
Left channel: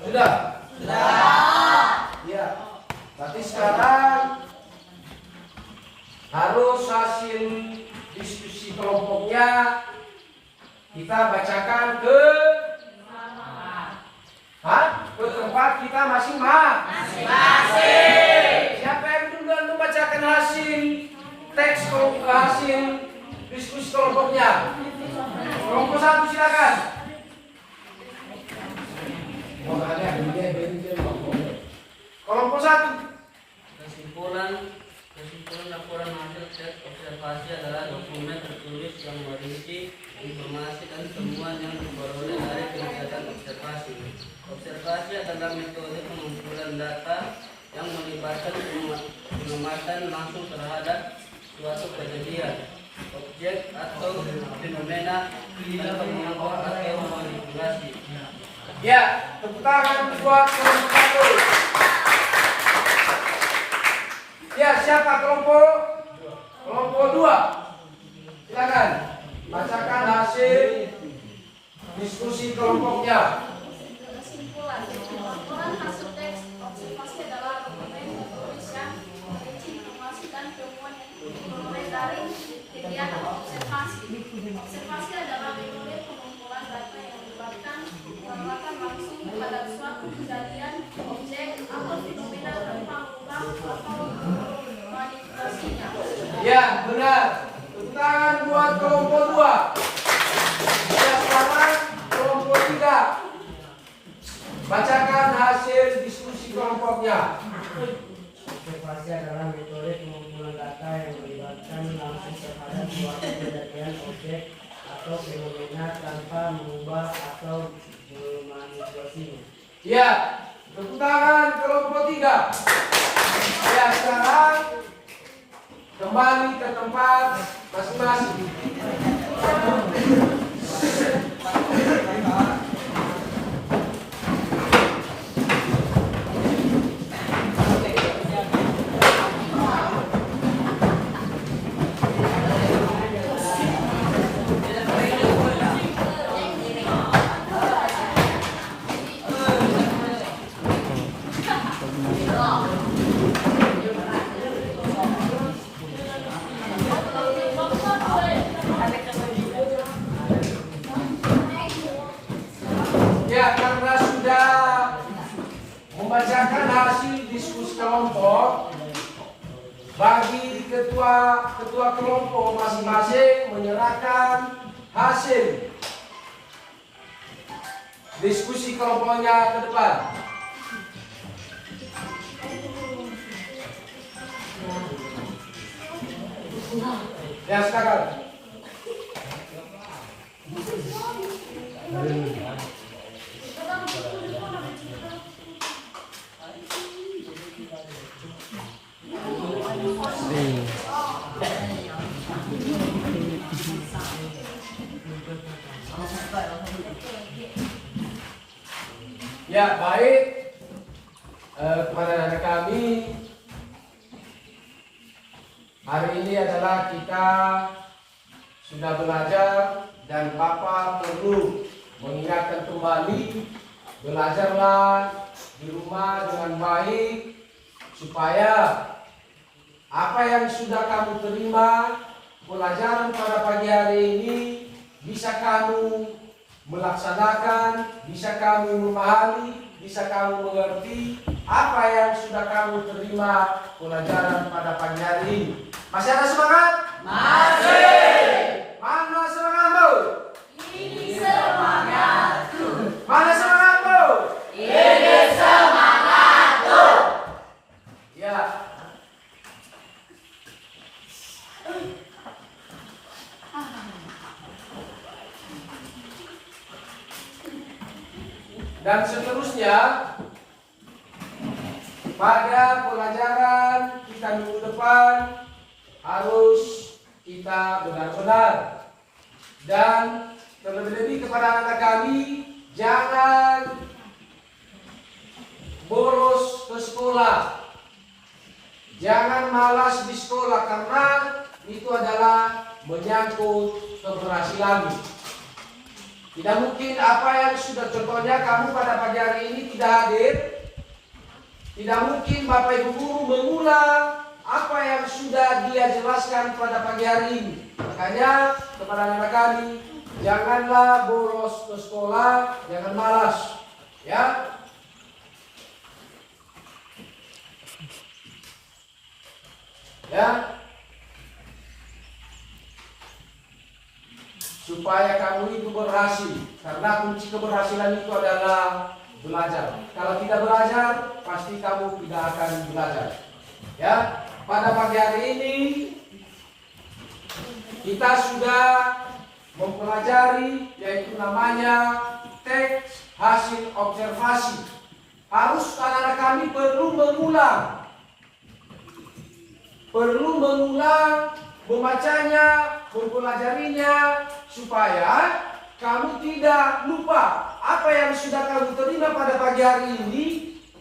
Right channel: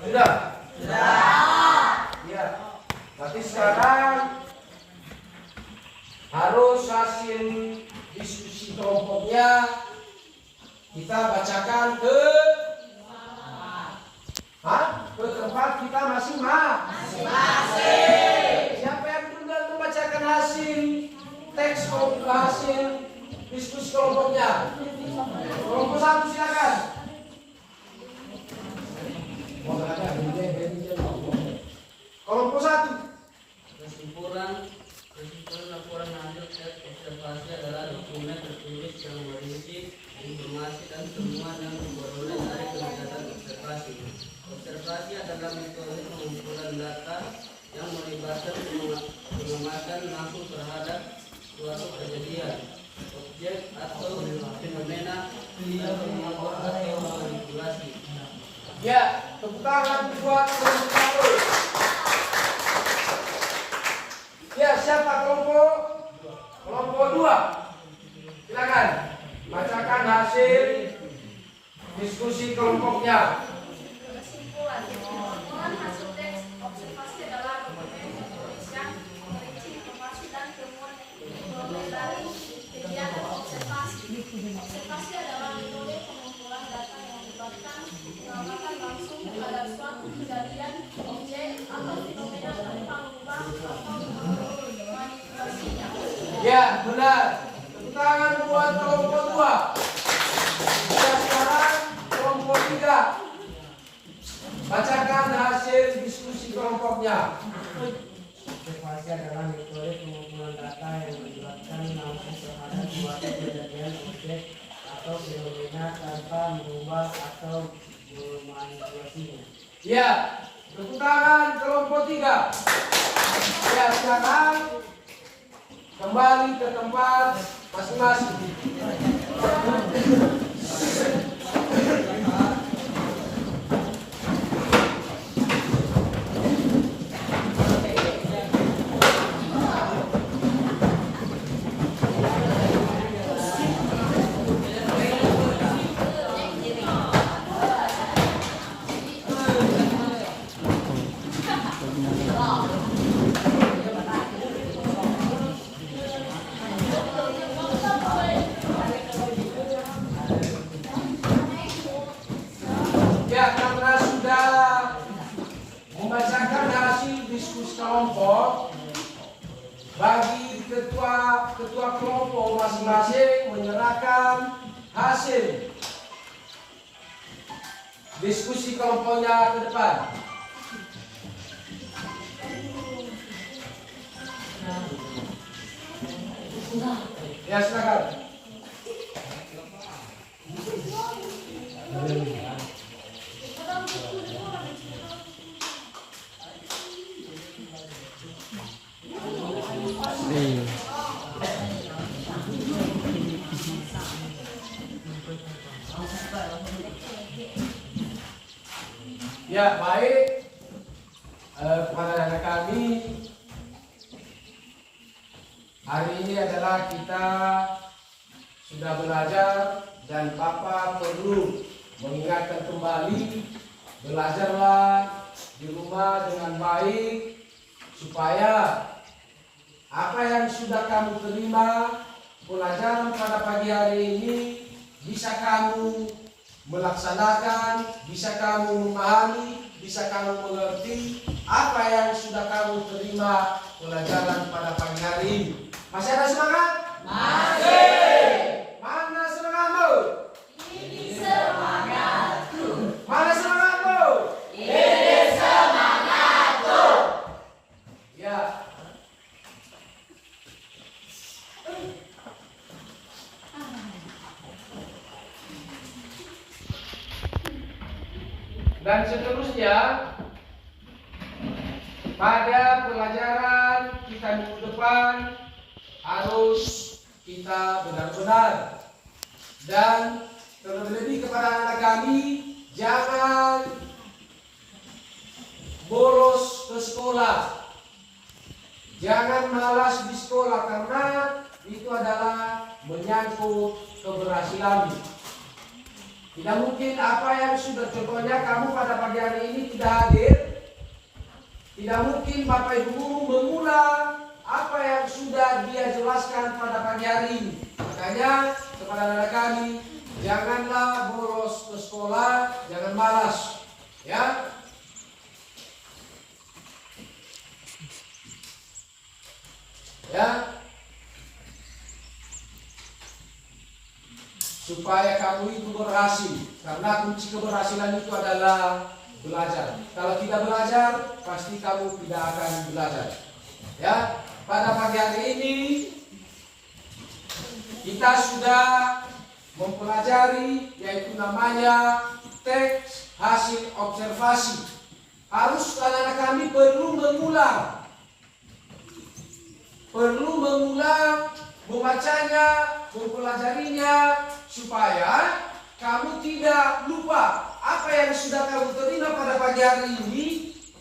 Sudah? Ya. Tapi sekarang harus hasil diskusi kelompoknya kita bacakan ke ke tempat kita masing-masing. Siapa yang duluan membacakan hasil teks kelompok, hasil diskusi kelompoknya? Kelompok 1 silakan. Kelompok 1. Kesimpulan laporan hasil tes observasi adalah dokumen tertulis yang berisi informasi dan temuan yang diperoleh dari kegiatan observasi. Observasi adalah metode pengumpulan data yang melibatkan pengamatan langsung terhadap suatu kejadian, objek atau fenomena tanpa mengatur atau manipulasi. Ya, tepuk tangan buat kelompok 1. Ya, siapa kelompok? Kelompok 2. Silakan bacakan hasil diskusi kelompoknya. Kesimpulan hasil teks observasi adalah dokumen tertulis yang berisi informasi dan temuan yang diperoleh dari kegiatan observasi. Observasi adalah metode pengumpulan data yang melibatkan pengamatan langsung pada suatu kejadian, objek atau fenomena tanpa mengubah atau manipulasinya. Ya, benar. Tepuk tangan buat kelompok 2. Ya, sekarang kelompok 3. Bacakan hasil diskusi kelompoknya. Observasi adalah metode pengumpulan data yang melibatkan langsung terhadap suatu kejadian, objek atau fenomena tanpa mengubah atau memanipulasinya. Ya, tepuk tangan kelompok 3. Ya, sekarang kembali ke tempat masing-masing. bagi ketua kelompok masing-masing menyerahkan hasil diskusi kelompoknya ke depan. Ya, silakan. Ya, baik. Kepada anak kami, hari ini adalah kita sudah belajar dan Bapak perlu mengingatkan kembali, belajarlah di rumah dengan baik supaya apa yang sudah kamu terima pelajaran pada pagi hari ini bisa kamu melaksanakan, bisa kamu memahami, bisa kamu mengerti apa yang sudah kamu terima pelajaran pada pagi hari ini. Masih ada semangat? Masih. Mana semangatmu? Ini semangatku. Mana semangatmu? Ini semangatku. Ya. Dan seterusnya pada pelajaran kita minggu depan harus kita benar-benar dan terlebih kepada anak kami jangan bolos ke sekolah, jangan malas di sekolah karena itu adalah menyangkut keberhasilan. Tidak mungkin apa yang sudah contohnya kamu pada pagi hari ini tidak hadir. Tidak mungkin Bapak Ibu guru mengulang apa yang sudah dia jelaskan pada pagi hari ini. Makanya kepada anak kami, janganlah bolos ke sekolah, jangan malas. Ya. Ya. Supaya kamu itu berhasil, karena kunci keberhasilan itu adalah belajar. Kalau tidak belajar, pasti kamu tidak akan belajar. Ya, pada pagi hari ini kita sudah mempelajari yaitu namanya teks hasil observasi. Harus anak-anak kami perlu mengulang, membacanya, mempelajarinya supaya kamu tidak lupa apa yang sudah kamu terima pada pagi hari ini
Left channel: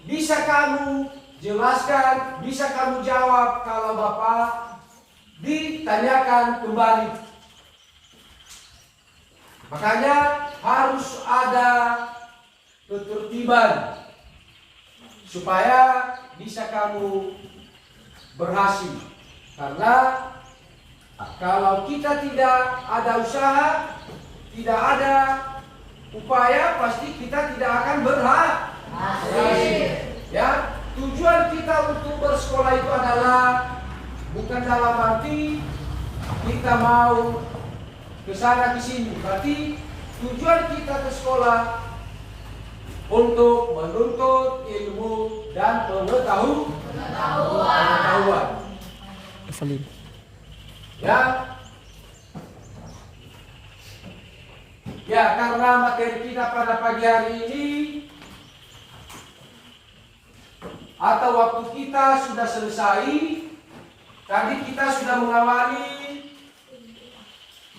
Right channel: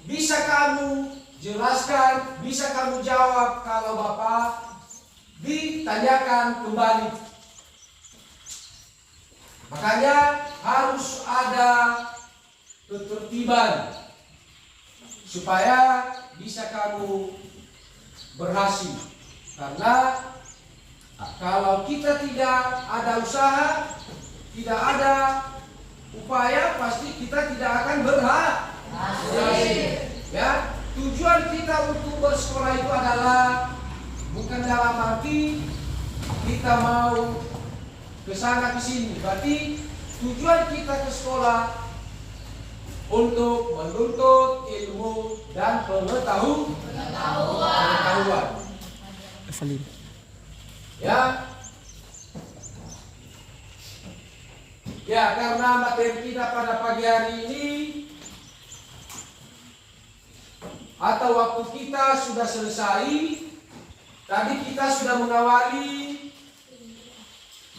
bisa kamu jelaskan, bisa kamu jawab kalau Bapak ditanyakan kembali. Makanya harus ada ketertiban supaya bisa kamu berhasil. Karena kalau kita tidak ada usaha, tidak ada upaya, pasti kita tidak akan berhasil. Ya, tujuan kita untuk bersekolah itu adalah bukan dalam arti kita mau ke sana ke sini. Berarti tujuan kita ke sekolah untuk menuntut ilmu dan pengetahuan. Ya, karena materi kita pada pagi hari ini atau waktu kita sudah selesai. Tadi kita sudah mengawali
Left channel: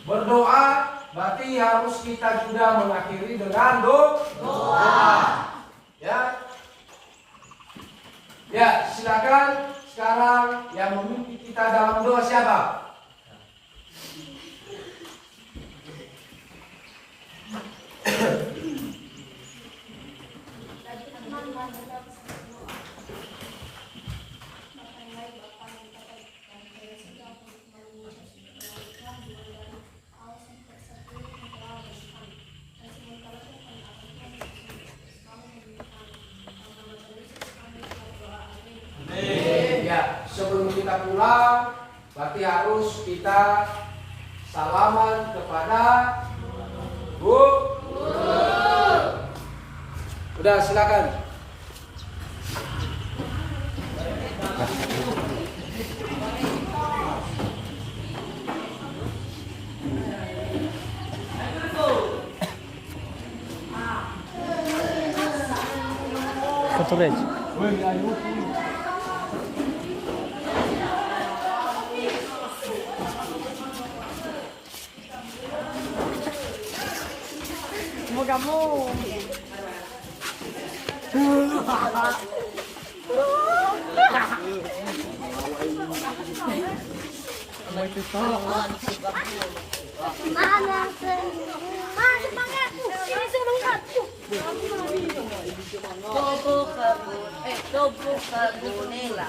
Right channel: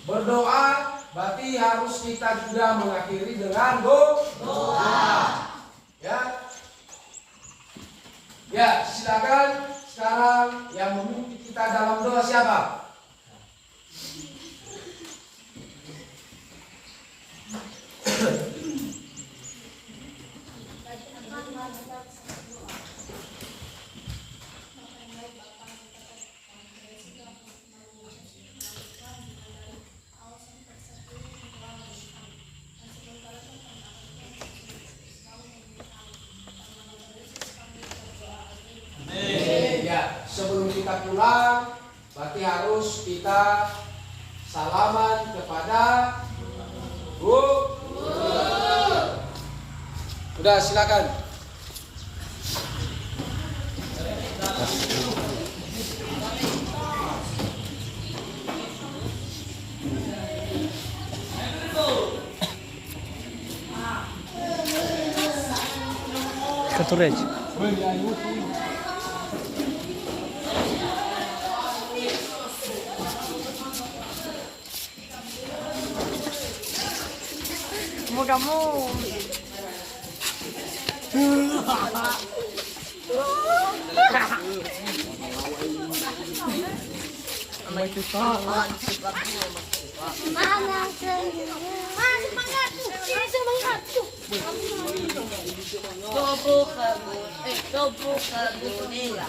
berdoa, berarti harus kita juga mengakhiri dengan doa. Ya, silakan sekarang yang memimpin kita dalam doa siapa? Ya, Ya, sebelum kita pulang, berarti harus kita salaman kepada Bu. Udah, silakan. Coba ke Gunila.